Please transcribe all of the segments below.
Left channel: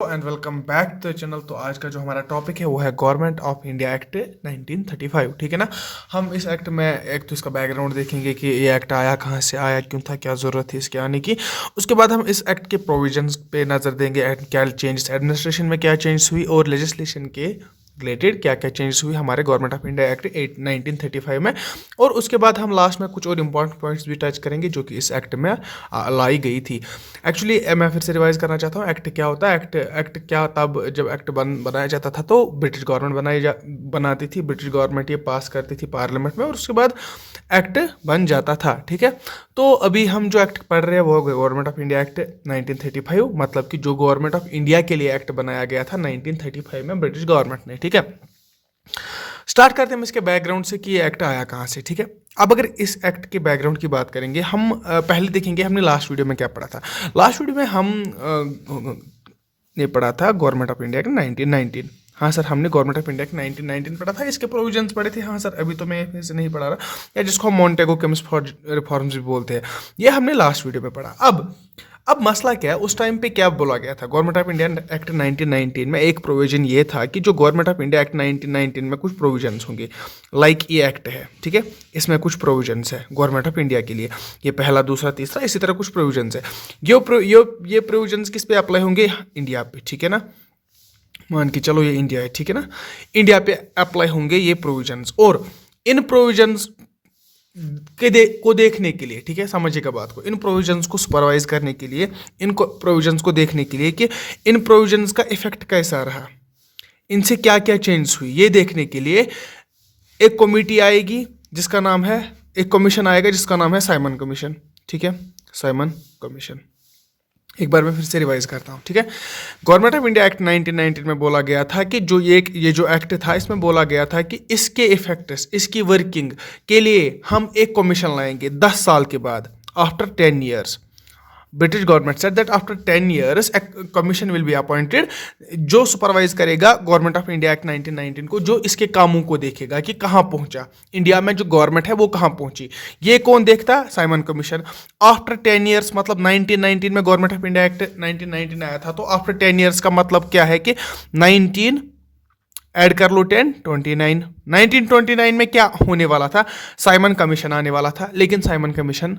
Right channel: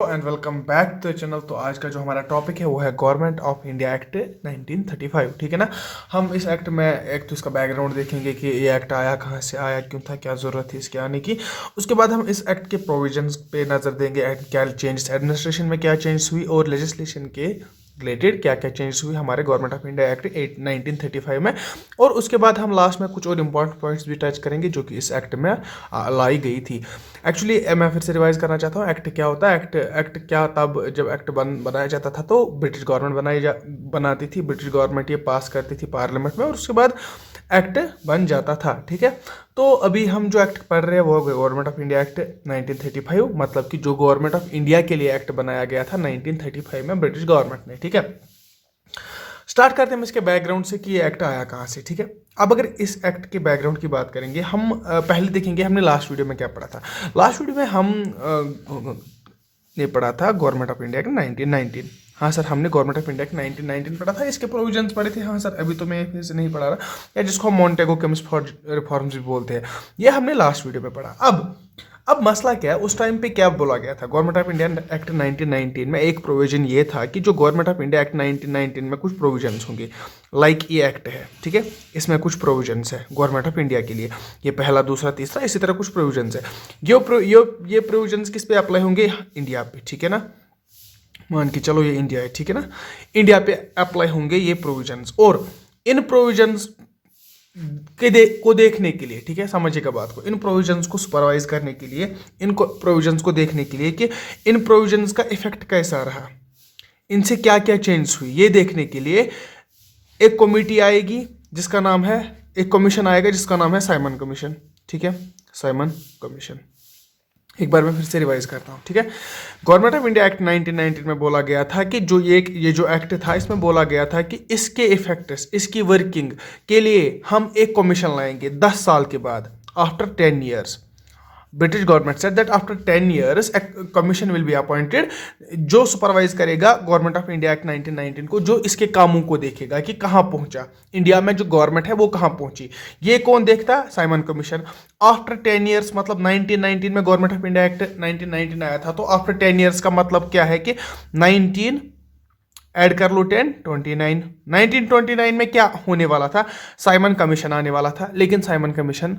And welcome back to the channel. तो आज का जो हमारा टॉपिक है वो है गवर्नमेंट ऑफ इंडिया एक्ट 1935। ठीक है ना। हम इस एक्ट में एक तो इसका बैकग्राउंड देखेंगे कि ये एक्ट आया कहाँ से, आया क्यों था, क्या ज़रूरत थी इसके आने की। उसके बाद हम इस एक्ट के प्रोविजंस पे नज़र देंगे, क्या चेंजेस एडमिनिस्ट्रेशन में क्या चेंजेस हुई और लेजिस्लेशन के रिलेटेड क्या क्या चेंजेस हुई हमारे गवर्नमेंट ऑफ इंडिया एक्ट 1935 में। और उसके बाद हम लास्ट में कुछ और इंपॉर्टेंट पॉइंट्स भी टच करेंगे जो कि इस एक्ट में लाई गई थी। एक्चुअली मैं फिर से रिवाइज करना चाहता हूँ, एक्ट क्या होता है। एक्ट क्या, तब जब एक्ट बनाया जाता था तो ब्रिटिश गवर्नमेंट बनाती थी, ब्रिटिश गवर्नमेंट ये पास करती थी पार्लियामेंट में और उसके बाद एक्ट बन जाता था। ठीक है। तो अभी हम जो एक्ट पढ़ रहे हैं वो गवर्नमेंट ऑफ इंडिया एक्ट 1935, मतलब कि जो गवर्नमेंट ऑफ इंडिया के लिए एक्ट बनाया गया था 1935 में ब्रिटिश गवर्नमेंट ने। ठीक है। स्टार्ट करते हैं हम इसके बैकग्राउंड से कि ये एक्ट आया कहाँ से। ठीक है। अब अगर इस एक्ट के बैकग्राउंड की बात करेंगे हम, पहले देखेंगे हमने लास्ट वीडियो में क्या पढ़ा था। लास्ट वीडियो में हम ने पढ़ा था गवर्नमेंट ऑफ इंडिया के 1919। हाँ सर, हमने गवर्नमेंट ऑफ इंडिया के 1919 पढ़ा था, इसके प्रोविजंस पढ़े थे। हाँ सर, अभी तो मैं फिर से नहीं पढ़ा रहा, या जिसको हम मॉन्टेगो केम्स रिफॉर्म्स भी बोलते हैं, ये हमने लास्ट वीडियो में पढ़ा। अब मसला क्या है, उस टाइम पे क्या बोला गया था। गवर्नमेंट ऑफ इंडिया एक्ट 1919 में एक प्रोविजन ये था कि जो गवर्नमेंट ऑफ इंडिया एक्ट 1919 में कुछ प्रोविजंस होंगे, लाइक ये एक्ट है। ठीक है। इसमें कुछ प्रोविजंस है गवर्नमेंट ऑफ इंडिया के लिए, ये पहला दूसरा तीसरा इसी तरह कुछ प्रोविजंस है। ये प्रोविजंस किस पे अप्लाई होंगे, इंडिया पे। ठीक है ना। मान के चलो ये इंडिया है। ठीक है ना। इंडिया पे अप्लाई होंगे ये प्रोविजंस, और इन प्रोविजंस को देखने के लिए, ठीक है, समझिएगा बात को, इन प्रोविजंस को सुपरवाइज करने के लिए, इन प्रोविजंस को देखने के लिए कि इन प्रोविजंस का इफेक्ट कैसा रहा, इनसे क्या क्या चेंज हुई, ये देखने के लिए एक कमेटी आएगी जिसका नाम है, एक कमीशन आएगा जिसका नाम है साइमन कमीशन। ठीक है। साइमन कमीशन, एक बार मैं फिर से रिवाइज करता हूँ। ठीक है। गवर्नमेंट ऑफ इंडिया एक्ट 1919 में बोला गया था कि जो ये जो एक्ट था इसमें बोला गया था कि इसके इफेक्ट्स, इसकी वर्किंग के लिए हम एक कमीशन लाएंगे 10 साल के बाद, after 10 years. British government said that after 10 years commission will be appointed, जो सुपरवाइज करेगा गवर्नमेंट ऑफ इंडिया एक्ट 1919 को, जो इसके कामों को देखेगा कि कहाँ पहुंचा इंडिया में जो गवर्नमेंट है वो कहाँ पहुंची। ये कौन देखता, साइमन कमीशन। आफ्टर 10 ईयर्स, मतलब 1919 में गवर्नमेंट ऑफ इंडिया एक्ट 1919 आया था, तो आफ्टर 10 ईयर्स का मतलब क्या है कि 19 ऐड कर लो 10, 29। 1929 में क्या होने वाला था, साइमन कमीशन आने वाला था, लेकिन साइमन कमीशन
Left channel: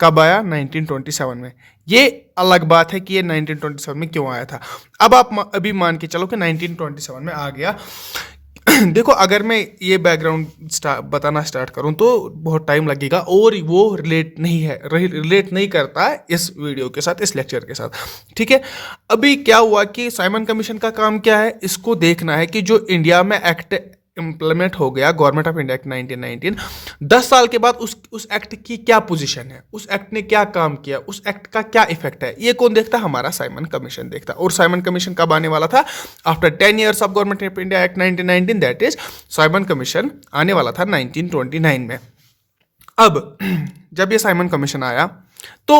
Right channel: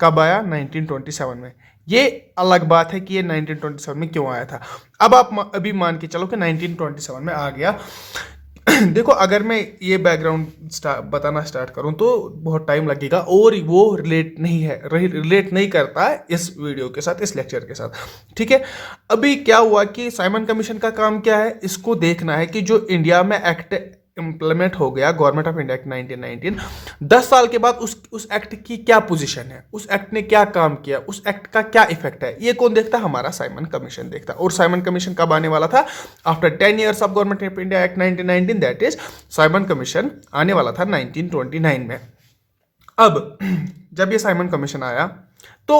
कब आया, 1927 में। ये अलग बात है कि ये 1927 में क्यों आया था। अब आप अभी मान के चलो कि 1927 में आ गया। देखो, अगर मैं ये बैकग्राउंड बताना स्टार्ट करूं तो बहुत टाइम लगेगा और वो रिलेट नहीं करता इस वीडियो के साथ, इस लेक्चर के साथ। ठीक है। अभी क्या हुआ कि साइमन कमीशन का काम क्या है, इसको देखना है कि जो इंडिया में एक्ट इम्प्लीमेंट हो गया गवर्नमेंट ऑफ इंडिया एक्ट 1919, 10 साल के बाद उस एक्ट की क्या पोजीशन है, उस एक्ट ने क्या काम किया, उस एक्ट का क्या इफेक्ट है, ये कौन देखता, हमारा साइमन कमीशन देखता। और साइमन कमीशन कब आने वाला था, after 10 years of government of India act 1919, that is Simon commission आने वाला था 1929 में। अब जब ये साइमन कमीशन आया तो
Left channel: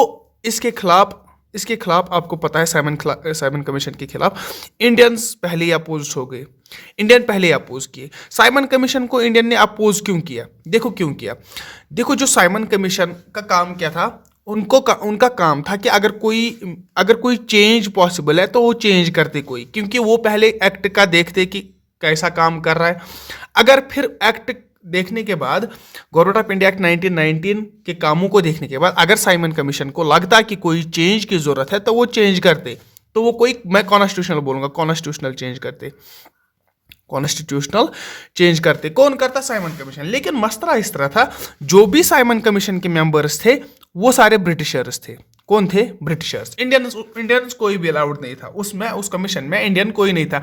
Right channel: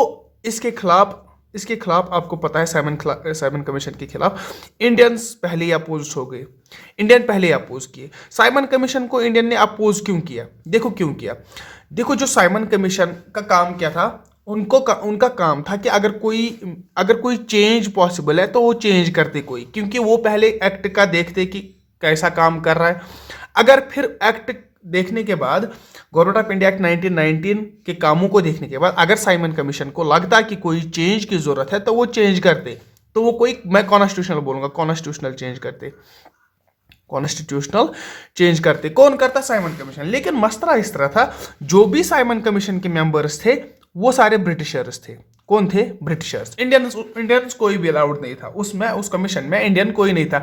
इसके खिलाफ आपको पता है, साइमन कमीशन के खिलाफ इंडियंस पहले ही अपोज हो गए। इंडियन पहले ही अपोज किए साइमन कमीशन को। इंडियन ने अपोज क्यों किया, देखो क्यों किया। देखो, जो साइमन कमीशन का काम क्या था, उनका काम था कि अगर कोई चेंज पॉसिबल है तो वो चेंज करते कोई, क्योंकि वो पहले एक्ट का देखते कि कैसा काम कर रहा है। अगर फिर एक्ट देखने के बाद, गवर्नमेंट ऑफ इंडिया एक्ट 1919 के कामों को देखने के बाद, अगर साइमन कमीशन को लगता कि कोई चेंज की जरूरत है तो वो चेंज करते, तो वो कोई, मैं कॉन्स्टिट्यूशनल बोलूंगा, कॉन्स्टिट्यूशनल चेंज करते। कॉन्स्टिट्यूशनल चेंज करते कौन करता, साइमन कमीशन। लेकिन मसला इस तरह था, जो भी साइमन कमीशन के मेंबर्स थे वो सारे ब्रिटिशर्स थे। कौन थे, ब्रिटिशर्स। इंडियंस कोई भी अलाउड नहीं था उसमें, उस कमीशन में इंडियन कोई नहीं था।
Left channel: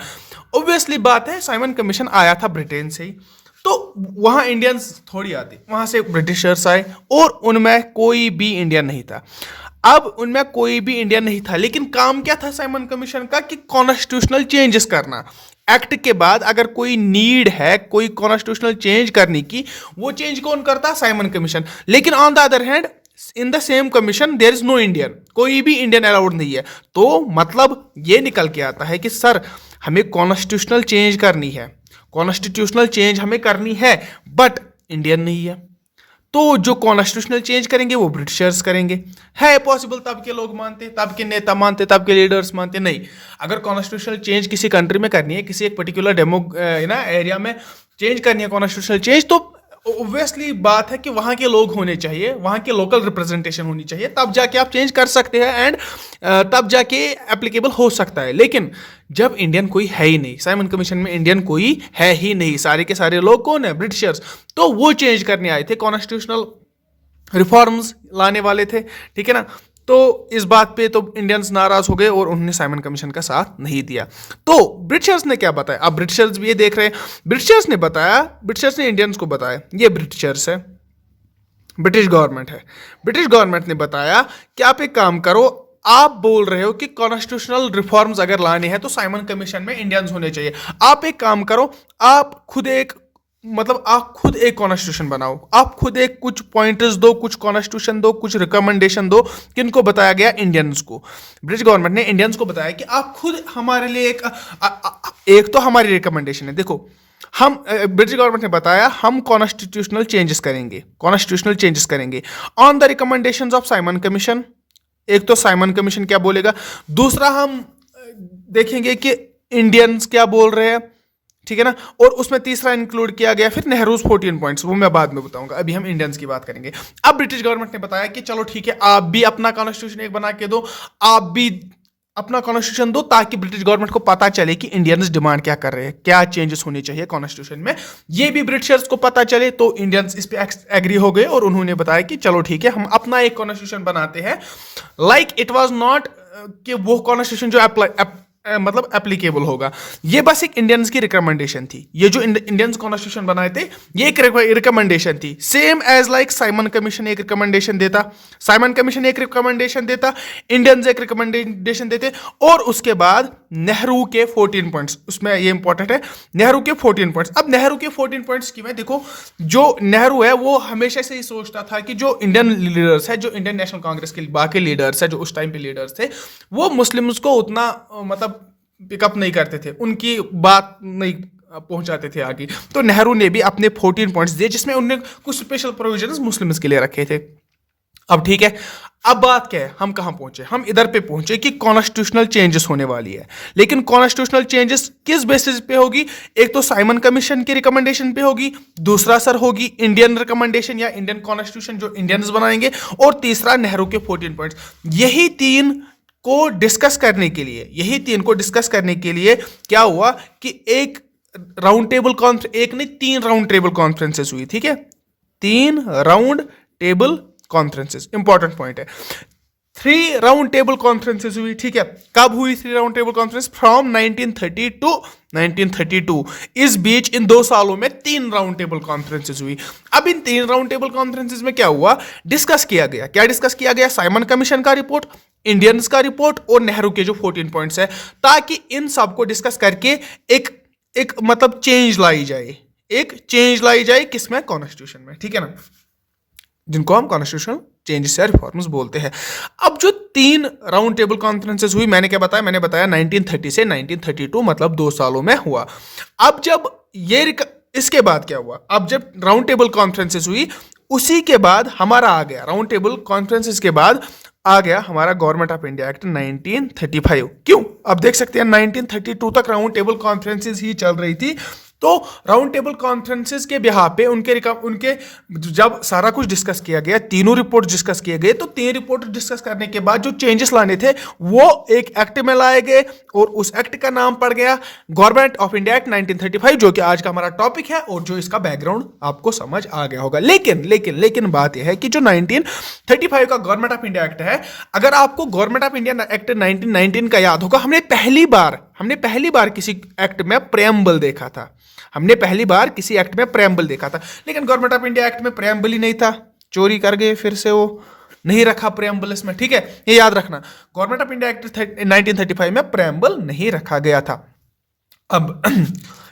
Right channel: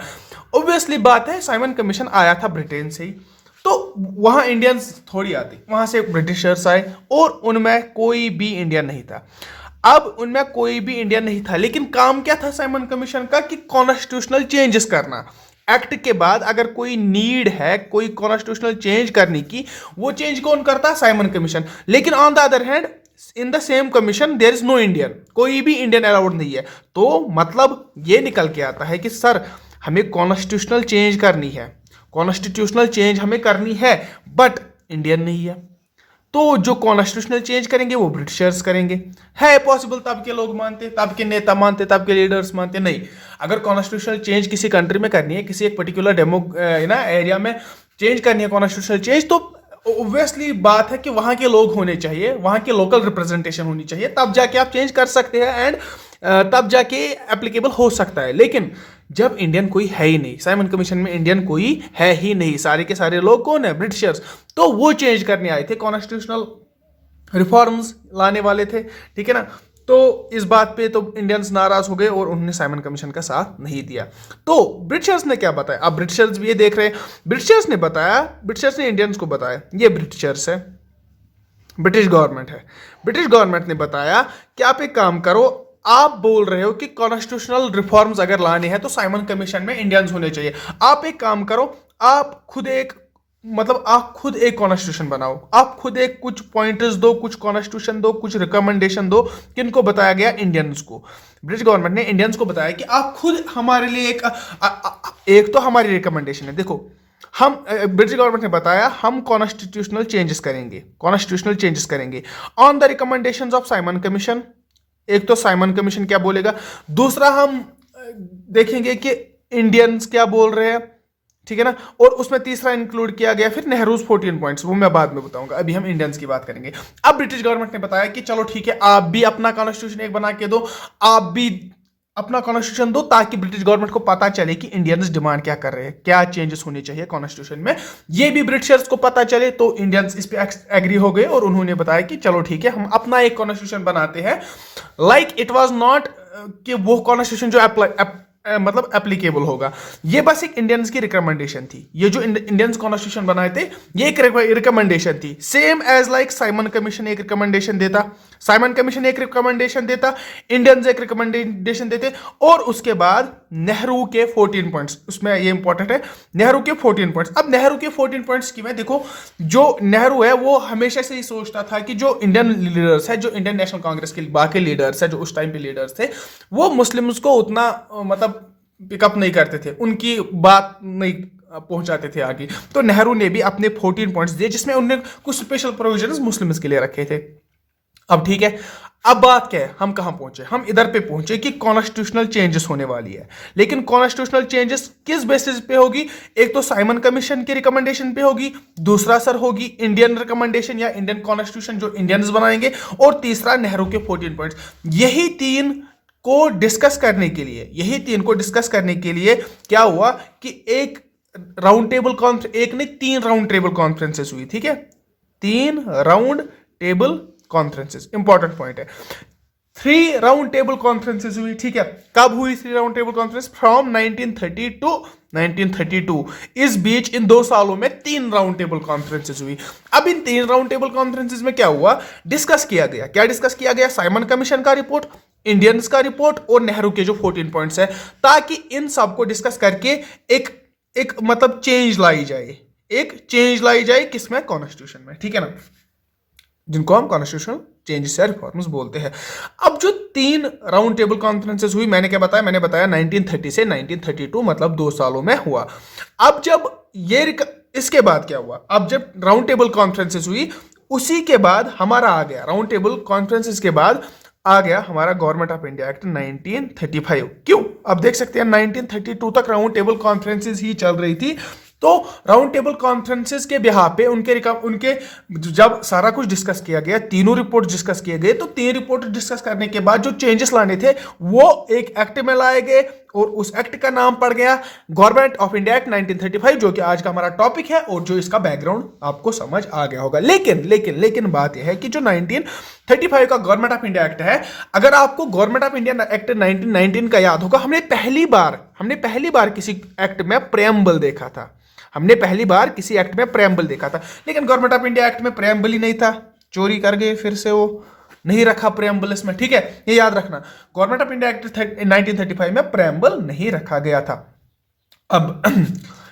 ऑब्वियसली बात है, साइमन कमीशन आया था ब्रिटेन से ही, तो वहां इंडियंस थोड़ी आते, वहां से ब्रिटिशर्स आए और उनमें कोई भी इंडियन नहीं था। अब उनमें कोई भी इंडियन नहीं था, लेकिन काम क्या था साइमन कमीशन का, कि कॉन्स्टिट्यूशनल चेंजेस करना। एक्ट के बाद अगर कोई नीड है कोई कॉन्स्टिट्यूशनल चेंज करने की, वो चेंज कौन करता, साइमन कमीशन। लेकिन on the other hand, in the same commission there is no Indian, कोई भी इंडियन अलाउड नहीं है। तो मतलब ये निकल के आता है कि सर, हमें कॉन्स्टिट्यूशनल चेंज करनी है, कॉन्स्टिट्यूशनल चेंज हमें करनी है, बट इंडियन नहीं है। तो जो कॉन्स्टिट्यूशनल चेंज करेंगे वो ब्रिटिशर्स करेंगे। है पॉसिबल तब के लोग मानते, तब के नेता मानते, तब के लीडर्स मानते? नहीं। अगर कॉन्स्टिट्यूशनल चेंज किसी कंट्री में करनी है, किसी एक पर्टिकुलर एरिया में चेंज करनी है कॉन्स्टिट्यूशनल चेंज, तो ऑब्वियसली बात है कि वहाँ के लोग होने चाहिए, वहाँ के लोकल रिप्रेजेंटेशन होनी चाहिए, तब जाके आप चेंज कर सकते हैं एंड तब जाके एप्लीकेबल हो सकता है। लेकिन जब इंडियन कोई है ही नहीं, साइमन कमीशन में इंडियन कोई है ही नहीं, सारे के सारे लोग कौन है? ब्रिटिशर्स। तो वो चेंज करने आए थे, कॉन्स्टिट्यूशनल रिफॉर्म्स लाने वाले थे, ठीक है ना। तो इस बात पे तो इंडियंस नाराज हो गए और उन्होंने साइमन कमीशन का साथ नहीं दिया। तो ब्रिटिशर्स ने क्या बताया? अब ब्रिटिशर्स भी ये देख रहे हैं, ब्रिटिशर्स ने बताया, ब्रिटिशर्स ने इंडियंस को बताया, ये ब्रिटिशर्स है, ब्रिटिश गवर्नमेंट है, ब्रिटिश गवर्नमेंट ने बताया कि आप एक काम करो, आप बोल रहे हो कि कॉन्स्टिट्यूशनल रिफॉर्म्स अगर लाने हैं तो साइमन कमीशन में इंडियंस होने चाहिए। आप एक काम करो, आप खुद एक आप खुद एक कॉन्स्टिट्यूशन बनाओ, आप खुद एक कुछ पॉइंटर्स दो, कुछ कॉन्स्टिट्यूशन दो, कुछ रिकमेंडेशन दो। किनको बताया गया? इंडियंस को। ब्रिटिश गवर्नमेंट ने इंडियंस को बताया कि आप खुद हमारे लिए एक तो हमारी रिकमेंडेशन है, देखो हम ब्रिटिश गवर्नमेंट ने बताया हम कॉन्स्टिट्यूशनल चेंजेस करेंगे, कॉन्स्टिट्यूशनल चेंजेस करेंगे on the recommendations of Simon commission. एक तो साइमन कमीशन क्या बोलेगा, दूसरा हम देखेंगे कि इंडियंस क्या बोल रहे हैं, ठीक है ना। और उसमें तीसरा इंक्लूड किया गया फिर नेहरूज 14 पॉइंट्स, वो मैं बाद में बताऊंगा, अभी हम इंडियंस की बात करेंगे। अब ब्रिटिश गवर्नमेंट ने बताया कि चलो ठीक है, आप भी अपना कॉन्स्टिट्यूशन एक बना के दो, आप भी अपना कॉन्स्टिट्यूशन दो, ताकि ब्रिटिश गवर्नमेंट को पता चले कि इंडियंस डिमांड क्या कर रहे हैं, क्या चेंजेस होने चाहिए कॉन्स्टिट्यूशन में, ये भी ब्रिटिशर्स को पता चले। तो इंडियंस इस पे एग्री हो गए और उन्होंने बताया कि चलो ठीक है, हम अपना एक कॉन्स्टिट्यूशन बनाते हैं। लाइक इट वाज नॉट कि वो कॉन्स्टिट्यूशन जो एप्लीकेबल होगा, ये बस एक इंडियंस की रिकमेंडेशन थी। ये जो इंडियंस कॉन्स्टिट्यूशन बनाए थे, ये एक रिकमेंडेशन थी, same as like Simon commission एक रिकमेंडेशन देता, साइमन कमीशन एक रिकमेंडेशन देता, इंडियंस एक रिकमेंडेशन देते, और उसके बाद नेहरू के 14 पॉइंट्स, उसमें ये इंपॉर्टेंट है, नेहरू के 14 पॉइंट्स। अब नेहरू के 14 पॉइंट्स की मैं देखो, जो नेहरू है वो हमेशा से ही सोचता था कि जो इंडियन लीडर्स है, जो इंडियन नेशनल कांग्रेस के बाकी लीडर्स है, जो उस टाइम पे लीडर्स थे, वो मुस्लिम्स को उतना पिकअप नहीं करते थे, उनकी बात नहीं पहुंचाते थे आगे। तो नेहरू ने भी अपने 14 पॉइंट्स दिए, जिसमें उन्होंने कुछ स्पेशल प्रोविजंस मुस्लिम्स के लिए रखे थे। अब ठीक है, अब बात क्या है, हम कहां पहुंचे? हम इधर पे पहुंचे कि कॉन्स्टिट्यूशनल चेंजेस होने वाली है। लेकिन कॉन्स्टिट्यूशनल चेंजेस किस बेसिस पे होगी? एक तो साइमन कमीशन की रिकमेंडेशन पे होगी, दूसरा सर होगी इंडियन रिकमेंडेशन या इंडियन कॉन्स्टिट्यूशन जो इंडियंस बनाएंगे, और तीसरा नेहरू के 14 पॉइंट्स। यही तीन को डिस्कस करने के लिए, क्या हुआ कि एक राउंड टेबल कॉन्फ्रेंस, एक नहीं 3 राउंड टेबल कॉन्फ्रेंसेस हुई, ठीक है, 3 round table conferences, important point है। 3 राउंड टेबल कॉन्फ्रेंसेस हुई, ठीक है। कब हुई 3 round table conference? From 1930 to 1932। इस बीच इन 2 सालों में 3 राउंड टेबल कॉन्फ्रेंसेस हुई। अब इन 3 राउंड टेबल कॉन्फ्रेंसेस में क्या हुआ? डिस्कस किया गया, क्या डिस्कस किया गया? साइमन कमीशन का रिपोर्ट, इंडियंस का रिपोर्ट और नेहरू के जो 14 पॉइंट्स है, ताकि इन सबको डिस्कस करके एक एक चेंज लाई जाए, किसमें? कॉन्स्टिट्यूशन में, ठीक है ना, जिनको हम कॉन्स्टिट्यूशनल चेंजेस या रिफॉर्म्स बोलते हैं। अब जो 3 राउंड टेबल कॉन्फ्रेंसेस हुई, मैंने क्या बताया? मैंने बताया 1930 से 1932, मतलब 2 सालों में हुआ। अब जब इसके बाद क्या हुआ? अब जब राउंड टेबल कॉन्फ्रेंसेस हुई, उसी के बाद हमारा आ गया, राउंड टेबल कॉन्फ्रेंसेस के बाद आ गया हमारा गवर्नमेंट ऑफ इंडिया एक्ट 1935। क्यों? अब देख सकते हैं 1932 तक राउंड टेबल कॉन्फ्रेंसेस ही चल रही थी। तो राउंड टेबल कॉन्फ्रेंसेस के बिहाफ पे उनके जब सारा कुछ डिस्कस किया गया, तीनों रिपोर्ट डिस्कस किए गए, तो 3 रिपोर्ट डिस्कस करने के बाद जो चेंजेस लाने थे वो एक एक्ट में लाए गए, और उस एक्ट का नाम पड़ गया गवर्नमेंट ऑफ इंडिया एक्ट 1935, जो कि आज का हमारा टॉपिक है और जो इसका बैकग्राउंड आपको समझ आ गया होगा। लेकिन बात यह है कि जो 1935 का गवर्नमेंट ऑफ इंडिया एक्ट है, अगर आपको गवर्नमेंट ऑफ इंडिया एक्ट 1919 का याद होगा, हमने पहली बार किसी एक्ट में प्रेम्बल देखा था, लेकिन गवर्नमेंट ऑफ इंडिया एक्ट में प्रेम्बल ही नहीं था, चोरी कर गए, फिर से वो नहीं रखा प्रेम्बल इसमें, ठीक है, ये याद रखना। गवर्नमेंट ऑफ इंडिया एक्ट 1935 में प्रेम्बल नहीं रखा गया था। अब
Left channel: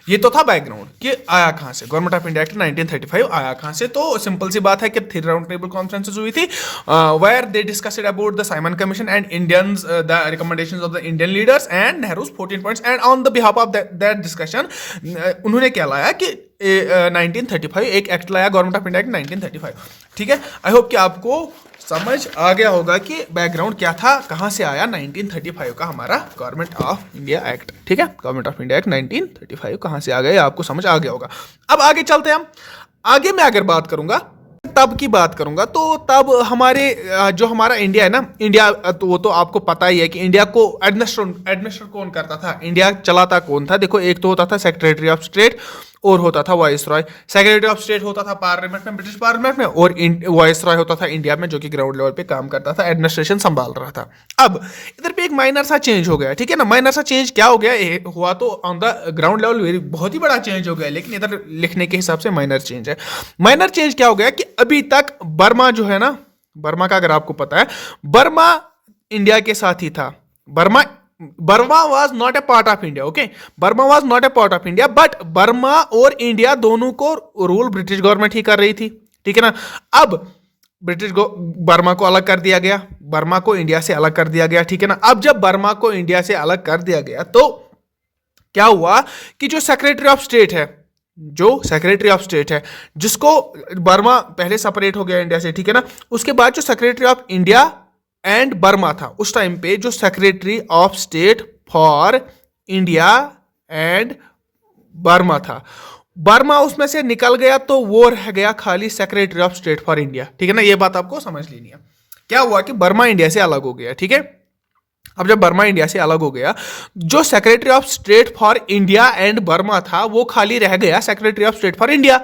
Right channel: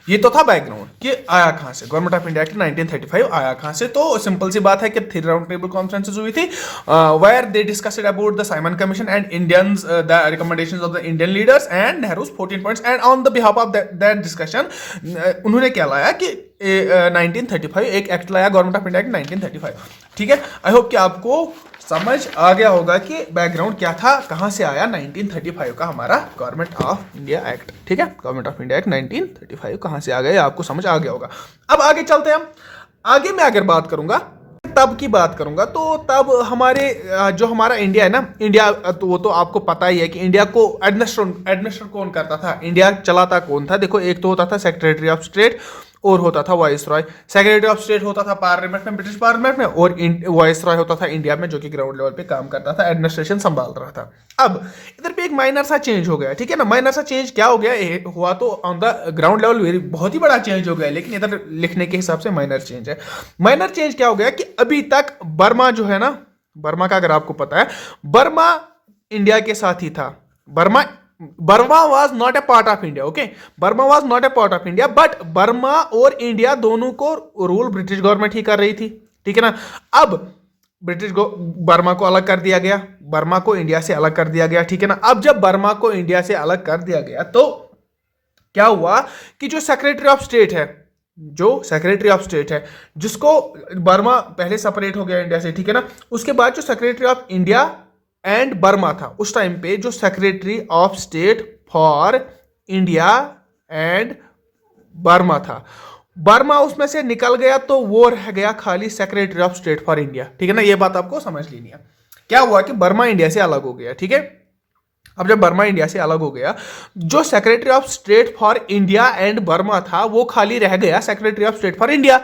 ये तो था बैकग्राउंड कि आया कहां से, गवर्नमेंट ऑफ इंडिया एक्ट 1935 आया कहां से। तो सिंपल सी बात है कि 3 राउंड टेबल कॉन्फ्रेंसेस हुई थी, where they discussed about the Simon commission and Indians, the recommendations of the Indian leaders and Nehru's 14 points, and on the behalf of that discussion उन्होंने क्या लाया कि 1935 एक एक्ट लाया, गवर्नमेंट ऑफ इंडिया एक्ट 1935। ठीक है। आई होप कि आपको समझ आ गया होगा कि बैकग्राउंड क्या था, कहाँ से आया 1935 का हमारा गवर्नमेंट ऑफ इंडिया एक्ट। ठीक है, गवर्नमेंट ऑफ इंडिया एक्ट 1935 कहाँ से आ गया, आपको समझ आ गया होगा। अब आगे चलते हैं हम। आगे मैं अगर बात करूंगा, तब की बात करूंगा, तो तब हमारे जो हमारा इंडिया है ना, इंडिया तो वो तो आपको पता ही है कि इंडिया को एडमिनिस्टर कौन करता था, इंडिया चलाता कौन था। देखो, एक तो होता था सेक्रेटरी ऑफ स्टेट और होता था वाइसरॉय। सेक्रेटरी ऑफ स्टेट होता था पार्लियामेंट में, ब्रिटिश पार्लियामेंट में, और वाइसरॉय होता था इंडिया में, जो कि ग्राउंड लेवल पे काम करता था, एडमिनिस्ट्रेशन संभाल रहा था। अब इधर पे एक माइनर सा चेंज हो गया, ठीक है ना। माइनर सा चेंज क्या हो गया, हुआ तो ऑन द ग्राउंड लेवल बहुत ही बड़ा चेंज हो गया, लेकिन इधर लिखने के हिसाब से माइनर चेंज है। माइनर चेंज क्या हो गया कि अभी तक बर्मा जो है ना, बर्मा का अगर आपको पता है, बर्मा इंडिया के साथ ही था। Burma was not a part of India, okay. Burma was not a part of India, but Burma और इंडिया दोनों को रूल ब्रिटिश गवर्नमेंट ही कर रही थी, ठीक है ना। अब बर्मा को अलग कर दिया गया, बर्मा को इंडिया से अलग कर दिया गया, ठीक है ना। अब जब बर्मा को इंडिया से अलग कर दिया गया, तो क्या हुआ कि जो सेक्रेटरी ऑफ स्टेट है, जिसको बर्मा पहले सेपरेट हो गया इंडिया से, ठीक है ना, उसके बाद जो secretary of India and Burma था, उस टाइम पे जो secretary of state for India and Burma था, बर्मा उसमें से निकल गया, तो वो रह गया खाली secretary of state for India, ठीक है ना। ये बात आपको समझ लेनी है। क्या हुआ कि बर्मा इंडिया से अलग हो गया, ठीक है। अब जब बर्मा इंडिया से अलग हो गया, जो secretary of state for India and Burma था, वो खाली रह गया secretary of state for India,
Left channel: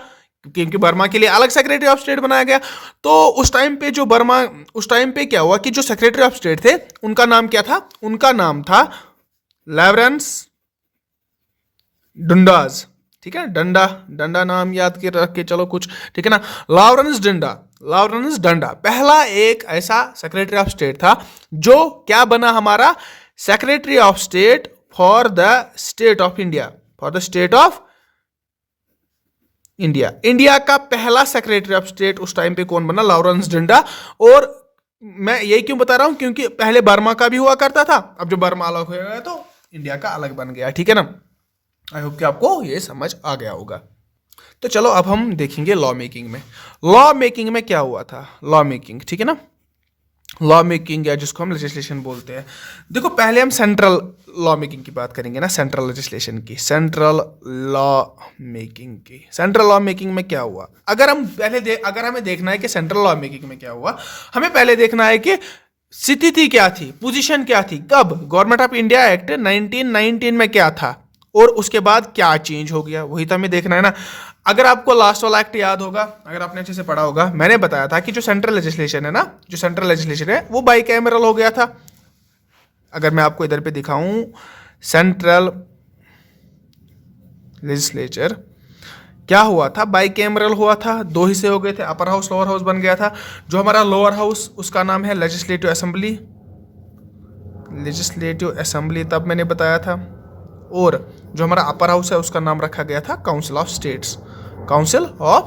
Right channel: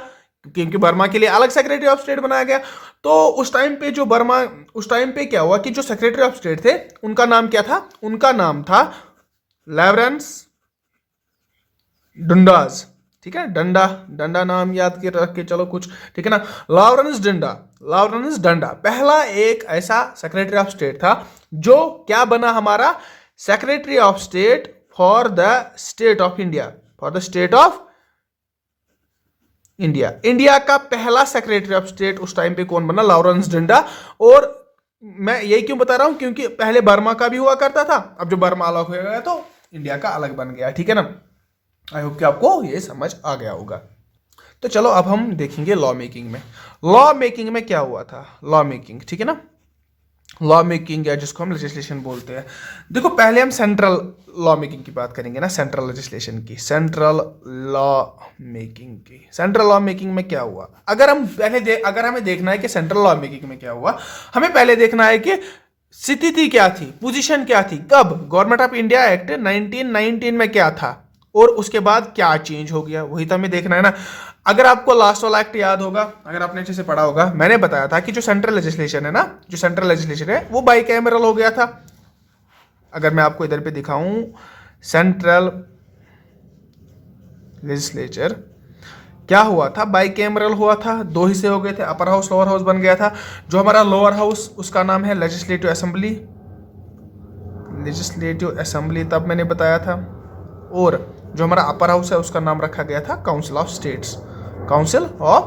क्योंकि बर्मा के लिए अलग सेक्रेटरी ऑफ स्टेट बनाया गया। तो उस टाइम पे क्या हुआ कि जो सेक्रेटरी ऑफ स्टेट थे, उनका नाम क्या था, उनका नाम था लॉरेंस डंडाज, ठीक है। डंडा नाम याद के रख के चलो कुछ, ठीक है ना। लॉरेंस डंडा पहला एक ऐसा सेक्रेटरी ऑफ स्टेट था जो क्या बना, हमारा secretary of state for the state of India, India का पहला सेक्रेटरी ऑफ स्टेट उस टाइम पे कौन बना, लॉरेंस डंडा। और मैं यही क्यों बता रहा हूं, क्योंकि पहले बर्मा का भी हुआ करता था, अब जो बर्मा अलग हो गया तो इंडिया का अलग बन गया, ठीक है ना। आई होप कि आपको ये समझ आ गया होगा। तो चलो अब हम देखेंगे लॉ मेकिंग में क्या हुआ था। लॉ मेकिंग, ठीक है ना, लॉ मेकिंग या जिसको हम लेजिस्लेशन बोलते हैं। देखो, पहले हम सेंट्रल लॉ मेकिंग की बात करेंगे ना, सेंट्रल लेजिस्लेशन की, सेंट्रल लॉ मेकिंग में क्या हुआ। अगर हमें देखना है कि सेंट्रल लॉ मेकिंग में क्या हुआ, हमें पहले देखना है कि स्थिति क्या थी, पोजीशन क्या थी, कब गवर्नमेंट ऑफ इंडिया एक्ट 1919 में क्या था, और उसके बाद क्या चेंज हो गया, वही तो हमें देखना है ना। अगर आपको लास्ट वाला एक्ट याद होगा, अगर आपने अच्छे से पढ़ा होगा, मैंने बताया था कि जो सेंट्रल लेजिस्लेशन है वो बाई कैमरल हो गया था। अगर मैं आपको इधर पे दिखाऊं, सेंट्रल लेजिस्लेचर क्या हुआ था, बाई कैमरल हुआ था, दो हिस्से हो गए थे, अपर हाउस लोअर हाउस बन गया था। जो हमारा लोअर हाउस, उसका नाम है लेजिस्लेटिव असेंबली, तब मैंने बताया था। और जो हमारा अपर हाउस है, उसका नाम रखा गया था काउंसिल ऑफ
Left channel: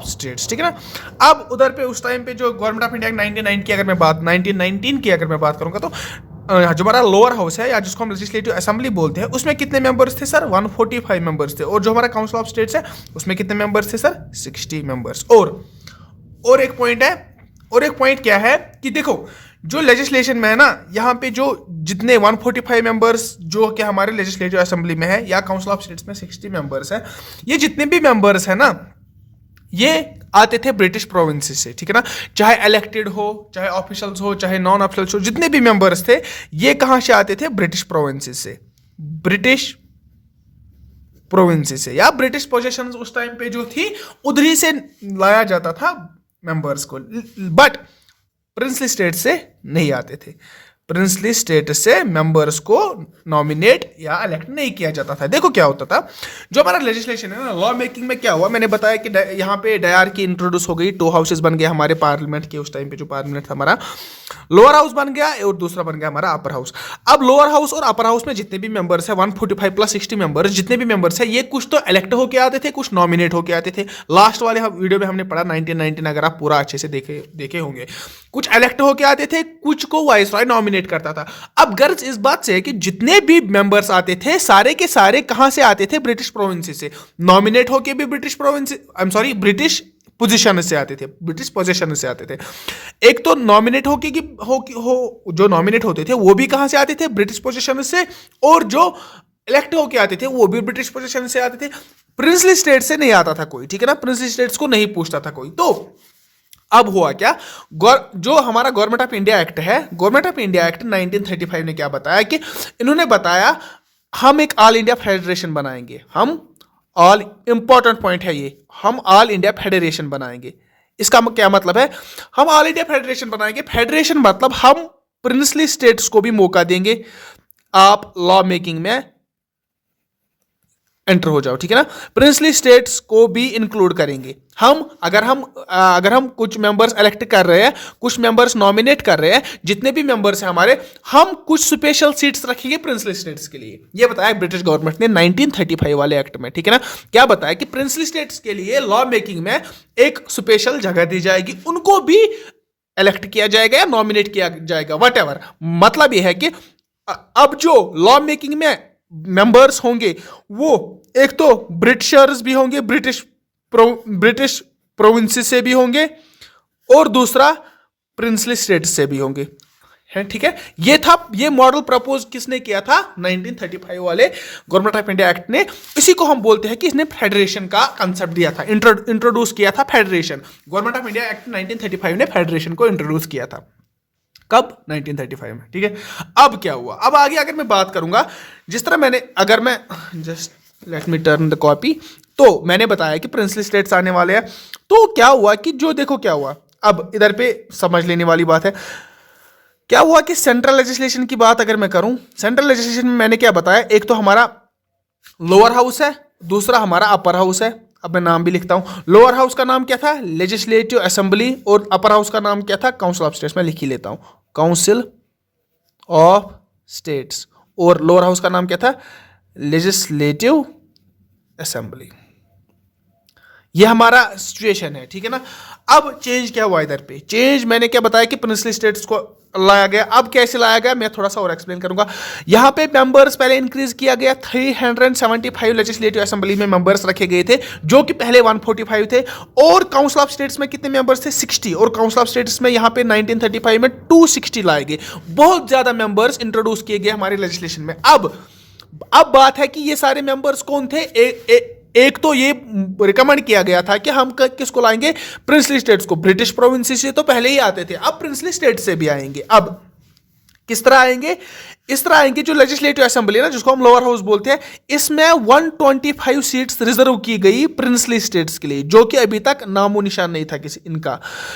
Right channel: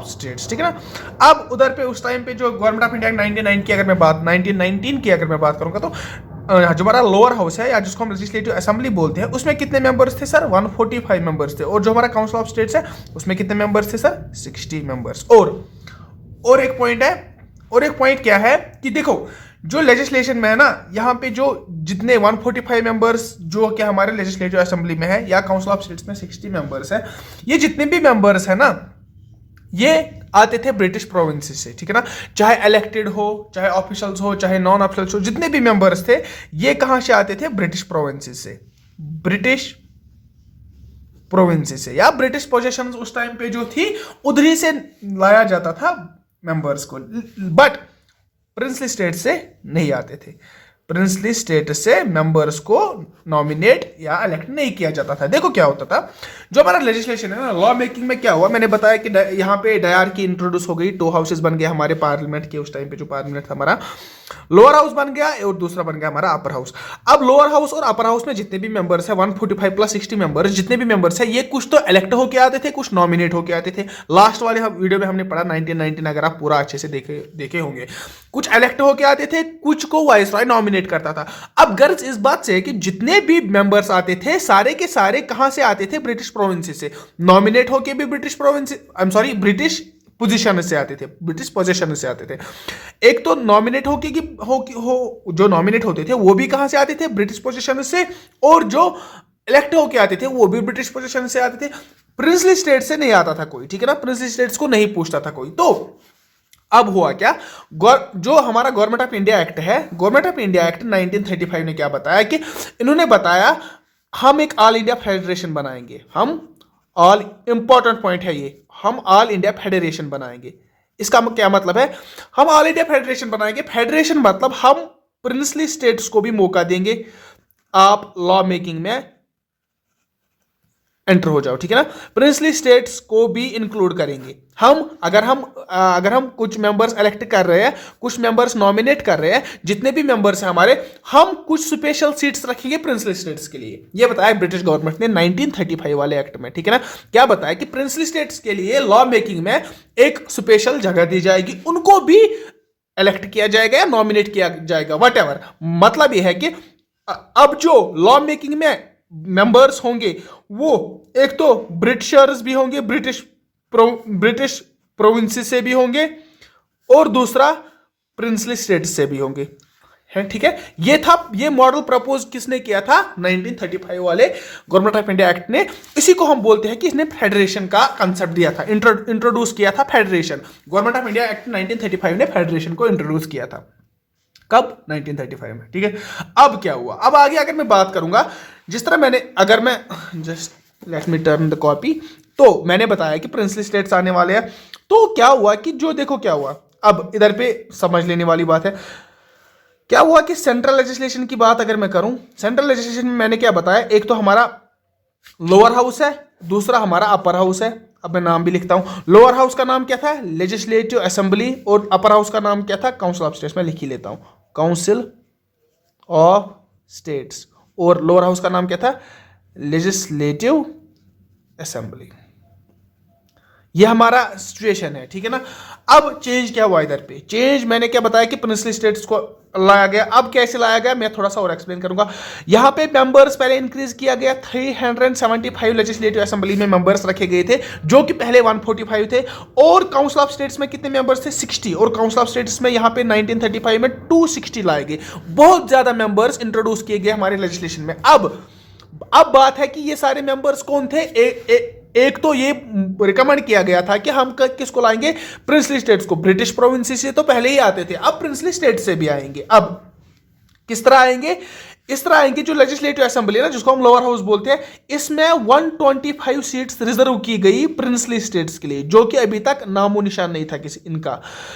स्टेट्स, ठीक है ना। अब उधर पे उस टाइम पे जो गवर्नमेंट ऑफ इंडिया 1919 की अगर मैं बात करूंगा, तो जो हमारा लोअर हाउस है, या जिसको हम लेजिस्लेटिव असेंबली बोलते हैं, उसमें कितने मेंबर्स थे सर, 145 मेंबर्स थे। और जो हमारा काउंसिल ऑफ स्टेट्स है, उसमें कितने मेंबर्स थे सर, 60 मेंबर्स। और एक पॉइंट क्या है कि देखो, जो लेजिस्लेशन में है ना, यहाँ पे जो जितने 145 मेंबर्स जो कि हमारे लेजिस्लेटिव असेंबली में है, या काउंसिल ऑफ स्टेट्स में 60 मेंबर्स है, ये जितने भी मेंबर्स है ना, ये आते थे ब्रिटिश प्रोविंसेस से, ठीक है ना। चाहे इलेक्टेड हो, चाहे ऑफिशियल्स हो, चाहे नॉन ऑफिशियल्स हो, जितने भी मेंबर्स थे, ये कहां से आते थे, ब्रिटिश प्रोविंसेस से, या ब्रिटिश पोजेशंस उस टाइम पे जो थी, उधरी से लाया जाता था मेंबर्स को। बट प्रिंसली स्टेट से नहीं आते थे, प्रिंसली स्टेट से मेंबर्स को नॉमिनेट या इलेक्ट नहीं किया जाता था। देखो क्या होता था, जो हमारा लेजिस्लेशन है ना, लॉ मेकिंग में क्या हुआ, मैंने बताया कि यहाँ पे डायरकी इंट्रोड्यूस हो गई, 2 हाउसेस बन गए हमारे पार्लियामेंट के। उस टाइम पे जो पार्लियामेंट था हमारा, लोअर हाउस बन गया और दूसरा बन गया हमारा अपर हाउस। अब लोअर हाउस और अपर हाउस में जितने भी मेंबर्स है, 145 प्लस 60 मेंबर्स, जितने भी मेंबर्स है, ये कुछ तो इलेक्ट होके आते थे, कुछ नॉमिनेट होके आते थे। लास्ट वाले वीडियो में हमने पढ़ा 1919, अगर आप पूरा अच्छे से देखे होंगे, कुछ इलेक्ट होके आते थे, कुछ को वाइसरॉय नॉमिनेट करता था। अब गर्ज इस बात से कि जितने भी मेंबर्स आते थे, सारे के सारे कहां से आते थे, ब्रिटिश प्रोविंस से। नॉमिनेट होके भी ब्रिटिश पोजीशन से आते थे, ब्रिटिश पोजीशन से आते थे। एक तो नॉमिनेट होके कि हो जो नॉमिनेट होते थे वो भी कहाँ से आते थे, ब्रिटिश पोजीशन से, और जो इलेक्ट होके आते थे वो भी ब्रिटिश पोजीशन से आते थे। प्रिंसली स्टेट से नहीं आता था कोई, ठीक है ना, प्रिंसली स्टेट्स को नहीं पूछता था कोई। तो अब हुआ क्या, जो हमारा गवर्नमेंट ऑफ इंडिया एक्ट है, गवर्नमेंट ऑफ इंडिया एक्ट 1935 ने क्या बताया कि इन्होंने बताया हम एक ऑल इंडिया फेडरेशन बनाएंगे, हम ऑल, इंपॉर्टेंट पॉइंट है ये, हम ऑल इंडिया फेडरेशन बनाएंगे। इसका क्या मतलब है, हम ऑल इंडिया फेडरेशन बनाएंगे, फेडरेशन मतलब हम प्रिंसली स्टेट्स को भी मौका देंगे, आप लॉ मेकिंग में एंटर हो जाओ, ठीक है ना, प्रिंसली स्टेट्स को भी इंक्लूड करेंगे हम। अगर हम कुछ मेंबर्स इलेक्ट कर रहे हैं, कुछ मेंबर्स नॉमिनेट कर रहे हैं, जितने भी मेंबर्स हैं हमारे, हम कुछ स्पेशल सीट्स रखेंगे प्रिंसली स्टेट्स के लिए। ये बताया ब्रिटिश गवर्नमेंट ने 1935 वाले एक्ट में, ठीक है ना। क्या बताया कि प्रिंसली स्टेट्स के लिए लॉ मेकिंग में एक स्पेशल जगह दी जाएगी, उनको भी इलेक्ट किया जाएगा या नॉमिनेट किया जाएगा, वट एवर। मतलब यह है कि अब जो लॉ मेकिंग में मेंबर्स होंगे वो एक तो ब्रिटिशर्स भी होंगे, ब्रिटिश प्रोविंसेस से भी होंगे, और दूसरा प्रिंसली स्टेट्स से भी होंगे, है, ठीक है। ये मॉडल प्रपोज किसने किया था, 1935 वाले गवर्नमेंट ऑफ इंडिया एक्ट ने। इसी को हम बोलते हैं कि इसने फेडरेशन का कंसेप्ट दिया था, इंट्रोड्यूस किया था federation. Government of India act 1935 ने फेडरेशन को इंट्रोड्यूस किया था, कब, 1935 में, ठीक है। अब क्या हुआ, अब आगे अगर मैं बात करूंगा, जिस तरह मैंने, अगर मैं just let me turn the copy, तो मैंने बताया कि प्रिंसली स्टेट्स आने वाले हैं। तो क्या हुआ कि जो देखो क्या हुआ, अब इधर पे समझ लेने वाली बात है। क्या हुआ कि सेंट्रल लेजिस्लेशन की बात अगर मैं करूं, सेंट्रल लेजिस्लेशन में मैंने क्या बताया, एक तो हमारा लोअर हाउस है, दूसरा हमारा अपर हाउस है। अब मैं नाम भी लिखता हूं, लोअर हाउस का नाम क्या था, लेजिस्लेटिव असेंबली, और अपर हाउस का नाम क्या था, काउंसिल ऑफ स्टेट्स। मैं लिख ही लेता हूं, काउंसिल ऑफ स्टेट्स, और लोअर हाउस का नाम क्या था, लेजिस्लेटिव असेंबली। ये हमारा सिचुएशन है, ठीक है ना। अब चेंज क्या हुआ इधर पे, चेंज मैंने क्या बताया कि प्रिंसली स्टेट्स को लाया गया। अब कैसे लाया गया मैं थोड़ा सा और एक्सप्लेन करूंगा। यहां पे मेंबर्स पहले इंक्रीज किया गया, 375 लेजिस्लेटिव असेंबली में मेंबर्स रखे गए थे, जो कि पहले 145 थे। और काउंसिल ऑफ स्टेट्स में कितने मेंबर्स थे, 60, और काउंसिल ऑफ स्टेट्स में यहां पे 1935 में 260 लाए गए। बहुत ज्यादा मेंबर्स इंट्रोड्यूस किए गए हमारे लेजिस्लेशन में। अब बात है कि ये सारे मेंबर्स कौन थे, एक तो ये रिकमेंड किया गया था कि हम किसको लाएंगे, प्रिंसली स्टेट्स को। ब्रिटिश प्रोविंसेस से तो पहले ही आते थे, अब प्रिंसली स्टेट से भी आएंगे। अब किस तरह आएंगे, इस तरह आएंगे, जो लेजिस्लेटिव असेंबली है ना, जिसको हम लोअर हाउस बोलते हैं, इसमें 125 सीट्स रिजर्व की गई प्रिंसली स्टेट्स के लिए, जो कि अभी तक नामो निशान नहीं था किसी इनका।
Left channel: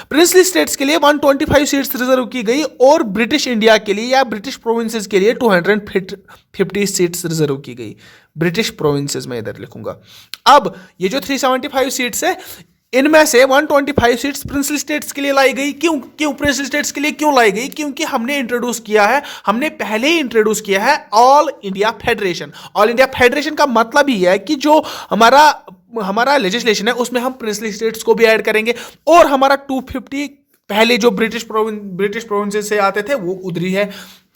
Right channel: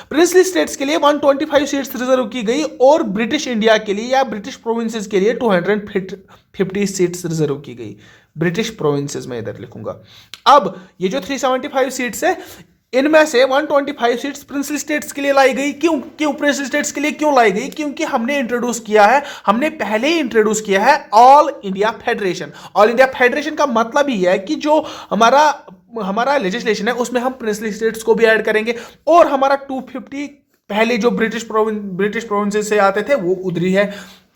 प्रिंसली स्टेट्स के लिए 125 सीट्स रिजर्व की गई, और ब्रिटिश इंडिया के लिए या ब्रिटिश प्रोविंसेस के लिए 250 सीट्स रिजर्व की गई। ब्रिटिश प्रोविंसेस में इधर लिखूंगा। अब ये जो 375 सीट्स है, इनमें से 125 सीट्स प्रिंसली स्टेट्स के लिए लाई गई। क्यों प्रिंसली स्टेट्स के लिए क्यों लाई गई, क्योंकि हमने पहले ही इंट्रोड्यूस किया है all India federation. All India federation का मतलब ही है कि जो हमारा लेजिस्लेशन है उसमें हम प्रिंसली स्टेट्स को भी ऐड करेंगे, और हमारा 250 पहले जो ब्रिटिश प्रोविंसेस से आते थे वो उधर ही है।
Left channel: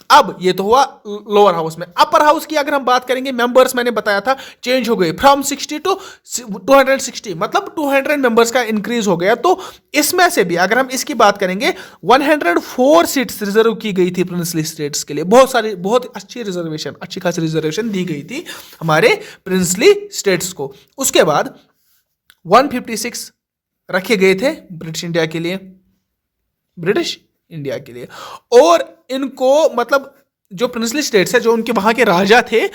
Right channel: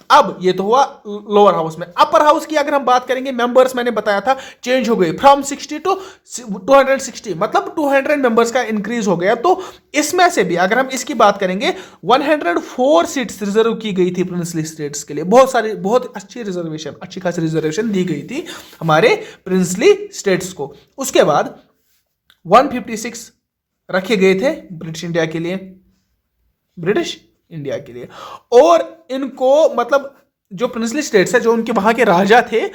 अब ये तो हुआ लोअर हाउस में। अपर हाउस की अगर हम बात करेंगे, मेंबर्स मैंने बताया था चेंज हो गए, फ्रॉम 60 टू 260, मतलब 200 मेंबर्स का इंक्रीज हो गया। तो इसमें से भी अगर हम इसकी बात करेंगे, 104 सीट्स रिजर्व की गई थी प्रिंसली स्टेट्स के लिए। बहुत अच्छी खासी रिजर्वेशन दी गई थी हमारे प्रिंसली स्टेट्स को। उसके बाद 156 रखे गए थे ब्रिटिश इंडिया के लिए। और इनको, मतलब जो प्रिंसली स्टेट्स है, जो उनके वहां के राजा थे,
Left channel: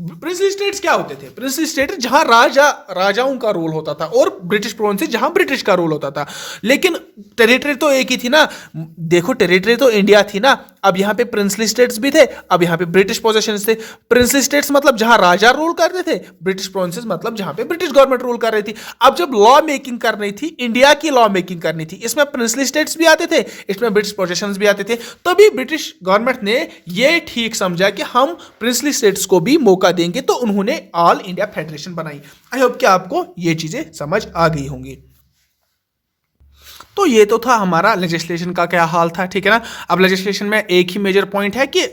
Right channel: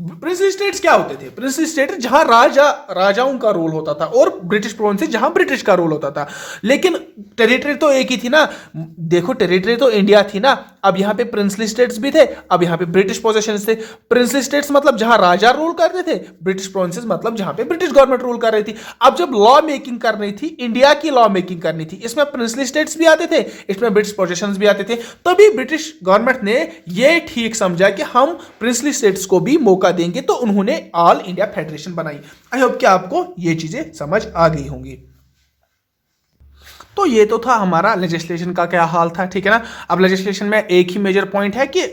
प्रिंसली स्टेट्स क्या होते थे, प्रिंसली स्टेट जहां राजाओं का रोल होता था, और ब्रिटिश प्रोविंसेस जहां ब्रिटिश का रोल होता था। लेकिन टेरिटरी तो एक ही थी ना, देखो टेरिटरी तो इंडिया थी ना। अब यहां पे प्रिंसली स्टेट्स भी थे, अब यहां पे ब्रिटिश पोजेशंस थे। प्रिंसली स्टेट्स मतलब जहां राजा रूल कर रहे थे, ब्रिटिश प्रोविंसेस मतलब जहां पे ब्रिटिश गवर्नमेंट रूल कर रही थी। अब जब लॉ मेकिंग कर रही थी, इंडिया की लॉ मेकिंग करनी थी, इसमें प्रिंसली स्टेट्स भी आते थे, इसमें ब्रिटिश पोजेशंस भी आते थे। तभी ब्रिटिश गवर्नमेंट ने यह ठीक समझा कि हम प्रिंसली स्टेट्स को भी मौका देंगे, तो उन्होंने ऑल इंडिया फेडरेशन बनाई। आई होप कि आपको ये चीजें समझ आ गई होंगी। तो ये तो था हमारा लेजिस्लेशन का क्या हाल था, ठीक है ना। अब लेजिस्लेशन में एक ही मेजर पॉइंट है कि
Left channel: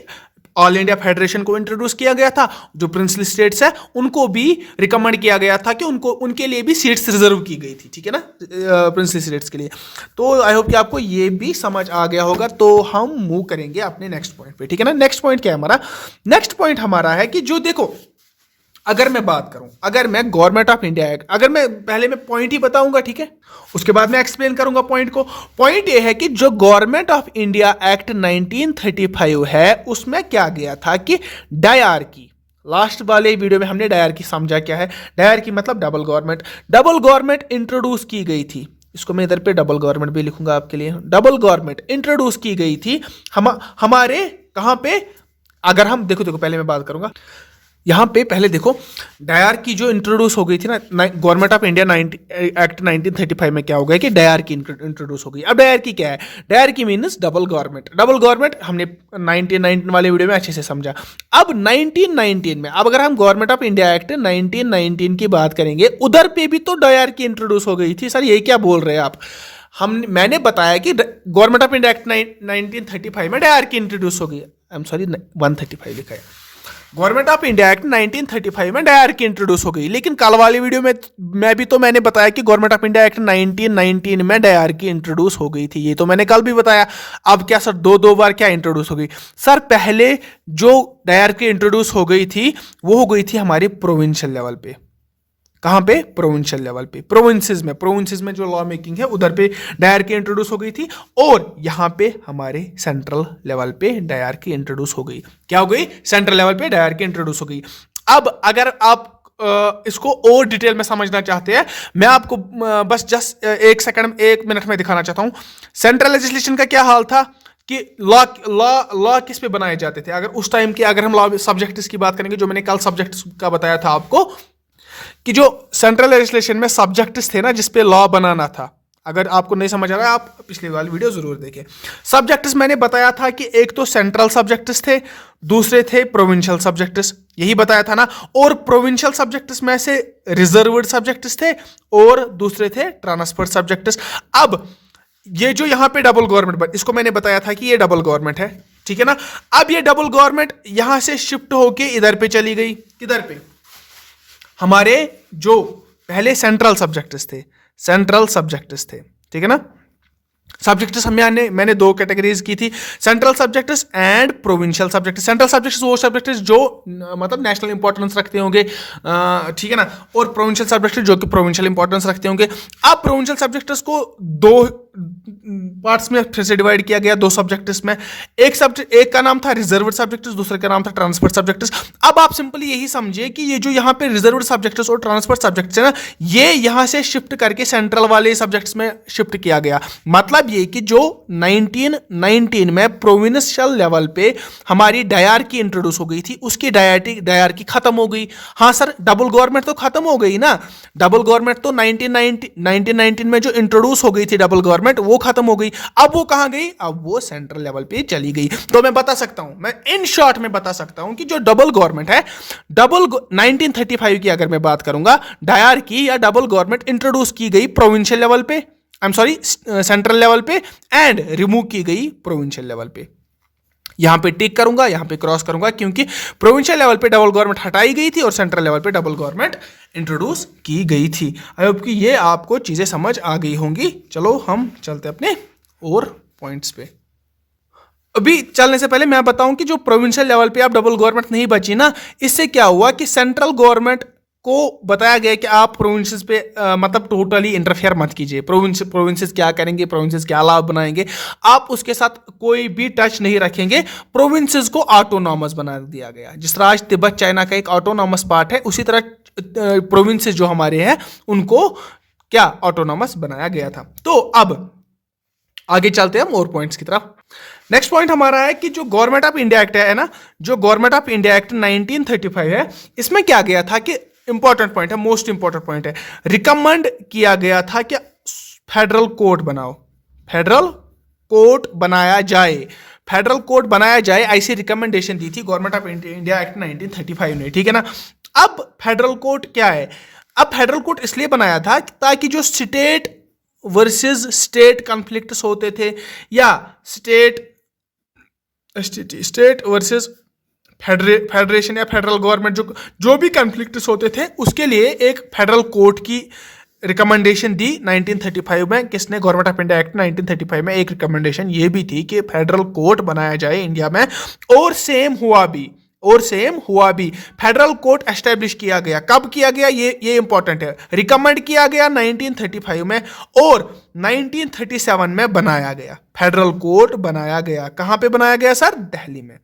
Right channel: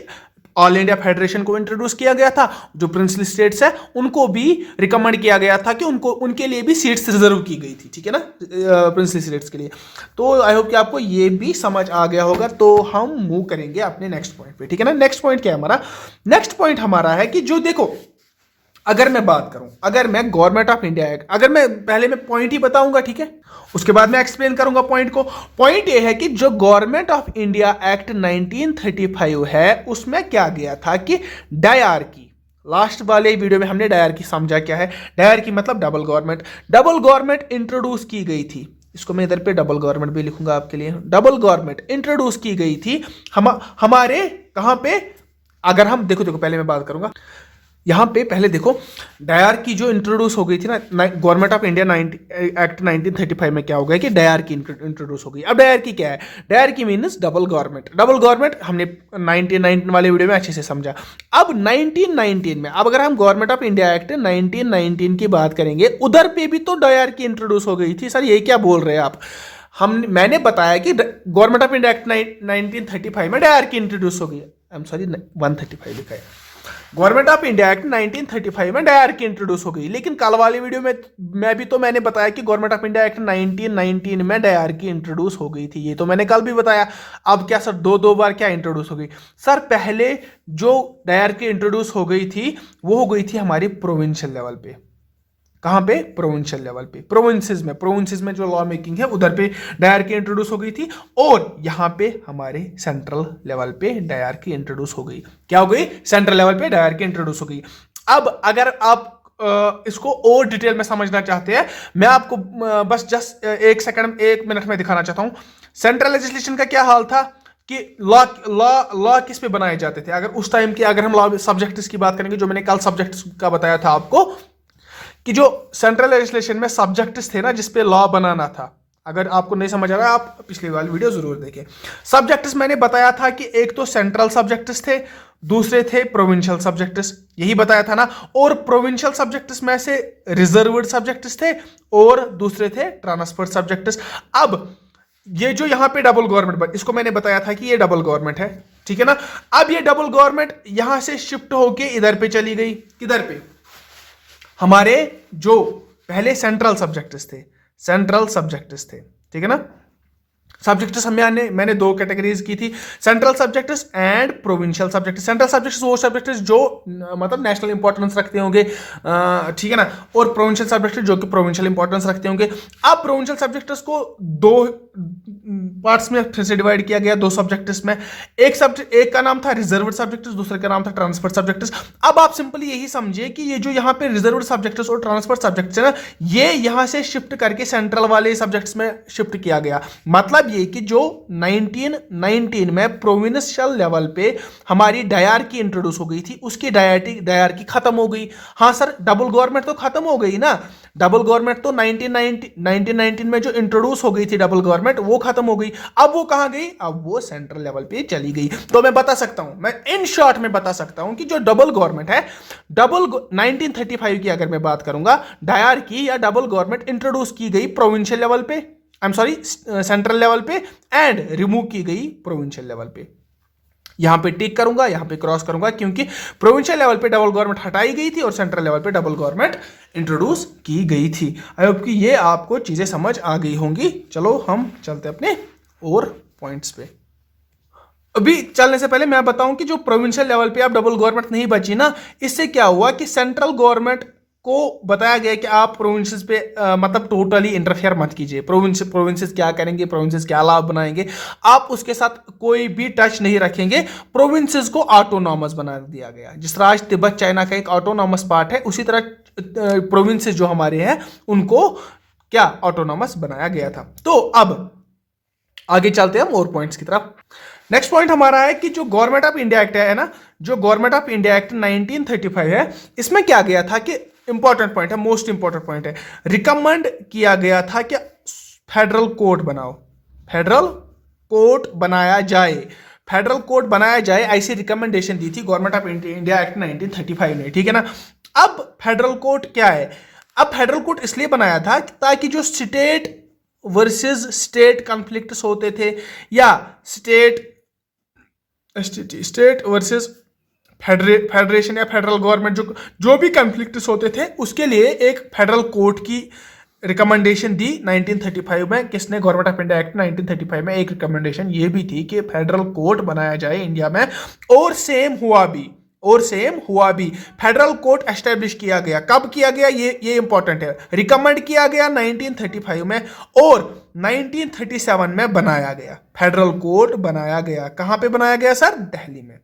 ऑल इंडिया फेडरेशन को इंट्रोड्यूस किया गया था, जो प्रिंसली स्टेट्स है उनको भी रिकमेंड किया गया था कि उनको उनके लिए भी सीट्स रिजर्व की गई थी, ठीक है ना, प्रिंसली स्टेट्स के लिए। तो आई होप कि आपको ये भी समझ आ गया होगा। तो हम मूव करेंगे अपने नेक्स्ट पॉइंट पे, ठीक है ना। नेक्स्ट पॉइंट क्या है हमारा? नेक्स्ट पॉइंट हमारा है कि जो देखो, अगर मैं बात करूं, अगर मैं गवर्नमेंट ऑफ इंडिया एक्ट, अगर मैं पहले मैं पॉइंट ही बताऊंगा, ठीक है, उसके बाद मैं एक्सप्लेन करूंगा पॉइंट को। पॉइंट ये है कि जो गवर्नमेंट ऑफ इंडिया एक्ट 1935 है, उसमें क्या गया था कि डायरकी, लास्ट वाले वीडियो में हमने डायरकी समझा क्या है। डायरकी मतलब double government, double government introduce की गई थी। इसको मैं इधर पे डबल गवर्नमेंट भी लिखूंगा आपके लिए। डबल गवर्नमेंट इंट्रोड्यूस की गई थी हमारे कहां पे? अगर हम देखो देखो पहले मैं बात करूंगा यहाँ पे, पहले देखो डायर की जो इंट्रोड्यूस हो गई थी ना, गवर्नमेंट ऑफ इंडिया एक्ट 1935 में क्या हो गया कि डायर की इंट्रोड्यूस हो गई। अब डायर की क्या है? डायर की means double government. Double government हमने 1919 वाले वीडियो में अच्छे से समझा। अब 1919 में, अब अगर हम गवर्नमेंट ऑफ इंडिया एक्ट 1919 की बात करेंगे, उधर पे भी तो डायर की इंट्रोड्यूस हो गई थी। सर ये क्या बोल रहे हैं आप? मैंने बताया कि गवर्नमेंट ऑफ इंडिया एक्ट 1935 में डायर की इंट्रोड्यूस हो गई। आई एम सॉरी, 135 लिखा है। गवर्नमेंट ऑफ इंडिया एक्ट 1935 में डायर की इंट्रोड्यूस हो गई। लेकिन कल वाली वीडियो में मैंने बताया कि गवर्नमेंट ऑफ इंडिया एक्ट 1919 में डायर की इंट्रोड्यूस हो गई थी। ये तो मैंने कल भी बताया। अब क्या सर दो बार क्या इंट्रोड्यूस हो गई? सर पहले जो डायर की इंट्रोड्यूस हो गई थी वो हो गई थी हमारी प्रोविंशियल लेवल पे। कहां पे? प्रोविंशियल लेवल पे, प्रोविंसेस में जो लॉ मेकिंग है उधर पे डायर की इंट्रोड्यूस हो गई थी। और यहां पे हमारे सेंट्रल लेवल पे डायर की इंट्रोड्यूस हो गई। क्या हो गई? सेंट्रल लेवल पे डायर की इंट्रोड्यूस हो गई। अब अगर आप इसको और डिटेल में समझना चाहते हैं, मैं आपको बस जस्ट एक मिनट में दिखाना चाहता हूं। सेंट्रल लेजिस्लेशन का क्या हाल था कि लॉ किस पे बनाए जाते थे। अगर उस टाइम के, अगर हम लॉ सब्जेक्ट्स की बात करेंगे, जो मैंने कल सब्जेक्ट्स का बताया था आपको, कि जो सेंट्रल लेजिस्लेशन में सब्जेक्ट्स थे ना जिसपे लॉ बनाना था, अगर आपको नहीं समझ आ रहा है आप पिछली वाली वीडियो जरूर देखें। सब्जेक्ट्स मैंने बताया था कि एक तो सेंट्रल सब्जेक्ट्स थे, दूसरे थे प्रोविंशियल सब्जेक्ट्स, यही बताया था ना। और प्रोविंशियल सब्जेक्ट्स में से रिजर्व्ड सब्जेक्ट्स थे और दूसरे थे ट्रांसफर्ड सब्जेक्ट्स। अब ये जो यहां पे डबल गवर्नमेंट, इसको मैंने बताया था कि ये डबल गवर्नमेंट है, ठीक है ना। अब ये डबल गवर्नमेंट यहां से शिफ्ट होके इधर पे चली गई। किधर पे? हमारे जो पहले सेंट्रल सब्जेक्ट्स थे, ठीक है ना। सब्जेक्ट्स मैंने दो कैटेगरीज की थी, central subjects and provincial subjects. Central subjects वो सब्जेक्ट्स जो मतलब नेशनल इंपॉर्टेंस रखते होंगे, ठीक है ना, और प्रोविंशियल सब्जेक्ट्स जो कि प्रोविंशियल इंपॉर्टेंस रखते होंगे। अब प्रोविंशियल सब्जेक्ट्स को दो पार्ट्स में फिर से डिवाइड किया गया, दो सब्जेक्ट्स में। एक का नाम था रिजर्व्ड सब्जेक्ट्स, दूसरे का नाम था ट्रांसफर्ड सब्जेक्ट्स। अब आप सिंपली यही समझिए कि ये जो यहाँ पे रिजर्व्ड सब्जेक्ट्स और ट्रांसफर्ड सब्जेक्ट्स है ना, ये यहाँ से शिफ्ट करके सेंट्रल वाले सब्जेक्ट्स में शिफ्ट किया गया। मतलब ये कि जो 1919 में प्रोविंशियल लेवल पे हमारी डायरकी इंट्रोड्यूस हो गई थी, उसकी डायरकी खत्म हो गई। हाँ सर, डबल गवर्नमेंट तो खत्म हो गई ना। डबल गवर्नमेंट तो 1919 में जो इंट्रोड्यूस हो गई थी डबल गवर्नमेंट, वो खत्म हो गई। अब वो कहां गई? अब वो सेंट्रल लेवल पे चली गई। तो मैं बता सकता हूं, मैं इन शॉर्ट में बता सकता हूं कि जो डबल गवर्नमेंट है, 1935 की अगर मैं बात करूंगा, डायरकी या डबल गवर्नमेंट इंट्रोड्यूस की गई प्रोविंशियल लेवल पे, I am sorry central level पे, एंड रिमूव की गई प्रोविंशियल लेवल पे। यहां पे टिक करूंगा, यहां पे क्रॉस करूंगा, क्योंकि प्रोविंशियल लेवल पे डबल गवर्नमेंट हटाई गई थी और सेंट्रल लेवल पे डबल गवर्नमेंट इंट्रोड्यूस की गई थी। आई होप कि ये आपको चीजें समझ आ गई होंगी। चलो हम चलते अपने और पॉइंट्स पे। अभी चलने से पहले मैं बताऊं कि जो प्रोविंशियल लेवल पे अब डबल गवर्नमेंट नहीं बची ना, इससे क्या हुआ कि सेंट्रल गवर्नमेंट को बताया गया कि आप प्रोविंसेस पे मतलब टोटली इंटरफेयर मत कीजिए। प्रोविंसेस क्या करेंगे, प्रोविंसेस क्या लाभ बनाएंगे, आप उसके साथ कोई भी टच नहीं रखेंगे। प्रोविंसेस को ऑटोनॉमस बना दिया गया। जिस तरह आज तिब्बत चाइना का एक ऑटोनॉमस पार्ट है, उसी तरह प्रोविंसेस जो हमारे हैं उनको क्या ऑटोनॉमस बनाया गया था। तो अब आगे चलते हैं हम और पॉइंट्स की तरफ। नेक्स्ट पॉइंट हमारा है कि जो गवर्नमेंट ऑफ इंडिया एक्ट है ना, जो गवर्नमेंट ऑफ इंडिया एक्ट 1935 है, इसमें क्या गया था कि इंपॉर्टेंट पॉइंट है, मोस्ट इंपॉर्टेंट पॉइंट है, रिकमेंड किया गया था कि फेडरल कोड बनाओ, फेडरल कोड बनाया जाए, फेडरल कोड बनाया जाए, ऐसी रिकमेंडेशन दी थी गवर्नमेंट ऑफ इंडिया एक्ट 1935 ने, ठीक है ना। अब फेडरल कोड क्या है? अब फेडरल कोड इसलिए बनाया था ताकि जो स्टेट वर्सेस स्टेट कॉन्फ्लिक्ट्स होते थे, या स्टेट वर्सेस फेडरेशन या फेडरल गवर्नमेंट जो भी कन्फ्लिक्ट्स होते थे उसके लिए एक फेडरल कोर्ट की रिकमेंडेशन दी 1935 में। किसने? गवर्नमेंट ऑफ इंडिया एक्ट 1935 में एक रिकमेंडेशन ये भी थी कि फेडरल कोर्ट बनाया जाए इंडिया में, और सेम हुआ भी फेडरल कोर्ट एस्टेब्लिश किया गया। कब किया गया? ये इंपॉर्टेंट है। रिकमेंड किया गया 1935 में और 1937 में बनाया गया। फेडरल कोर्ट बनाया गया। कहां पे बनाया गया सर? दिल्ली में।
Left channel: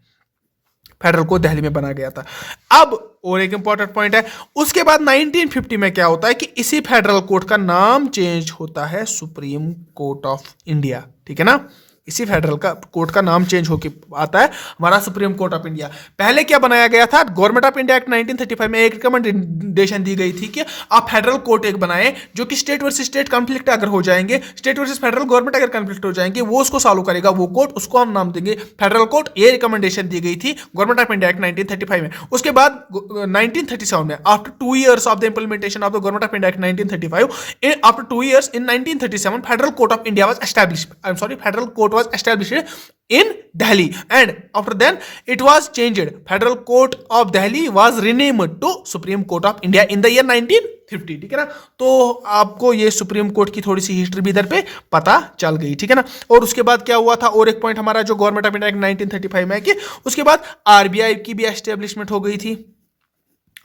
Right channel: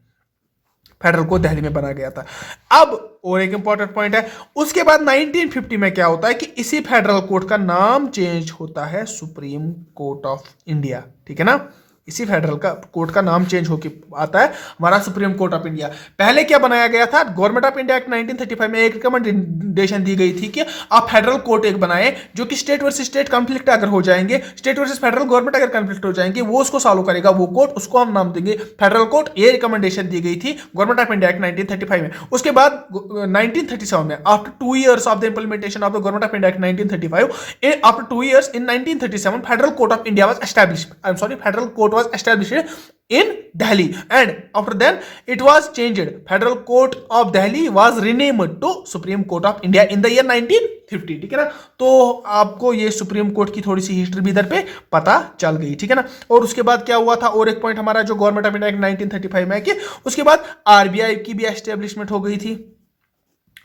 फेडरल कोर्ट दिल्ली में बनाया गया था। अब और एक इंपॉर्टेंट पॉइंट है, उसके बाद 1950 में क्या होता है कि इसी फेडरल कोर्ट का नाम चेंज होता है सुप्रीम कोर्ट ऑफ इंडिया। ठीक है ना? इसी फेडरल का कोर्ट का नाम चेंज होकर आता है हमारा सुप्रीम कोर्ट ऑफ इंडिया। पहले क्या बनाया गया था? गवर्नमेंट ऑफ इंडिया एक्ट 1935 में एक रिकमेंडेशन दी गई थी कि आप फेडरल कोर्ट एक बनाए जो कि स्टेट वर्सेस स्टेट कंफ्लिक्ट अगर हो जाएंगे, स्टेट वर्सेस फेडरल गवर्नमेंट अगर कंफ्लिक्ट हो जाएंगे, वो उसको सॉल्व करेगा वो कोर्ट, उसको हम नाम देंगे फेडरल कोर्ट। ये रिकमेंडेशन दी गई थी गवर्नमेंट ऑफ इंडिया एक्ट 1935 में। उसके बाद 1937 में, after 2 years of the implementation of the government of India act 1935, after 2 years in 1937 federal court of India was established. I am sorry, federal court was established in Delhi, and after then it was changed. Federal Court of Delhi was renamed to Supreme Court of India in the year 1950। ठीक है ना? तो आपको ये supreme court की थोड़ी सी history भी इधर पे पता चल गई। ठीक है ना? और उसके बाद क्या हुआ था? और एक पॉइंट हमारा जो गवर्नमेंट ऑफ इंडिया एक्ट 1935 में है कि उसके बाद आरबीआई की भी एस्टेब्लिशमेंट हो गई थी।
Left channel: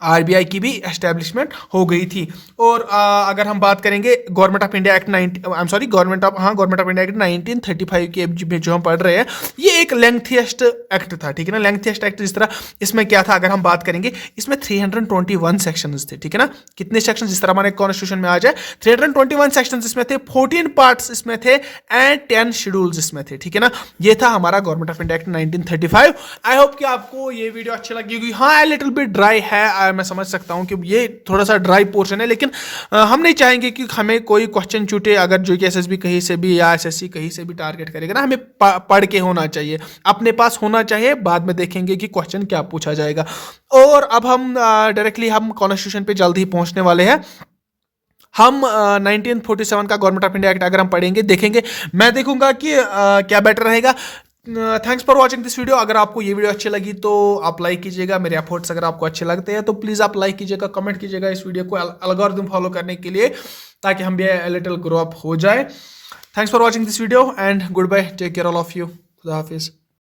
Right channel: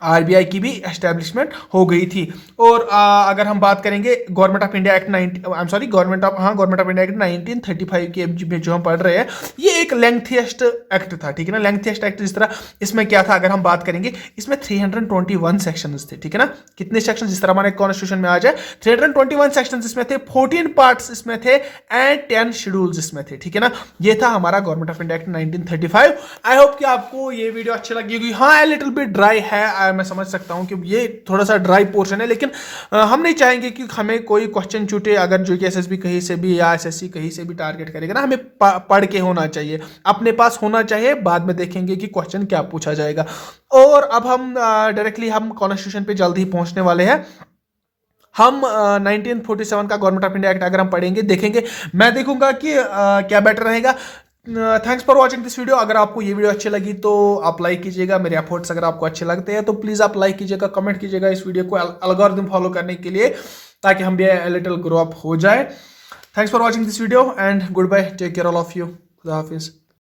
आरबीआई की भी एस्टेब्लिशमेंट हो गई थी। और अगर हम बात करेंगे government of India act government of India act 1935 के में जो हम पढ़ रहे हैं, ये एक लेंथिएस्ट एक्ट था। ठीक है ना? लेंथिएस्ट एक्ट जिस तरह इसमें क्या था अगर हम बात करेंगे, इसमें 321 सेक्शंस थे। ठीक है ना? कितने सेक्शन? जिस तरह हमारे कॉन्स्टिट्यूशन में आ जाए 321 सेक्शंस इसमें थे, 14 पार्ट्स इसमें थे एंड 10 शेड्यूल्स इसमें थे। ठीक है ना? ये था हमारा government of India act 1935। I hope कि आपको ये वीडियो अच्छी लगी होगी। हाँ, लिटिल बिट ड्राई है, मैं समझ सकता हूं कि ये थोड़ा सा ड्राई पोर्शन है, लेकिन हम नहीं चाहेंगे कि हमें कोई क्वेश्चन छूटे। अगर जो कि एसएसबी कहीं से भी या एसएससी कहीं से भी टारगेट करेगा ना, हमें पढ़ के होना चाहिए, अपने पास होना चाहिए। बाद में देखेंगे कि क्वेश्चन क्या पूछा जाएगा। और अब हम डायरेक्टली हम कॉन्स्टिट्यूशन पे जल्द ही पहुंचने वाले हैं। हम 1947 का गवर्नमेंट ऑफ इंडिया एक्ट अगर हम पढ़ेंगे, देखेंगे, मैं देखूंगा कि क्या बेटर रहेगा। Thanks for watching this video. अगर आपको ये वीडियो अच्छी लगी तो आप लाइक कीजिएगा। मेरे एफर्ट्स अगर आपको अच्छे लगते हैं तो प्लीज़ आप लाइक कीजिएगा, कमेंट कीजिएगा इस वीडियो को एल्गोरिथम फॉलो करने के लिए, ताकि हम भी लिटिल ग्रो अप हो जाए। Thanks for watching this video and good bye, take care all of you. खुदा हाफिज़।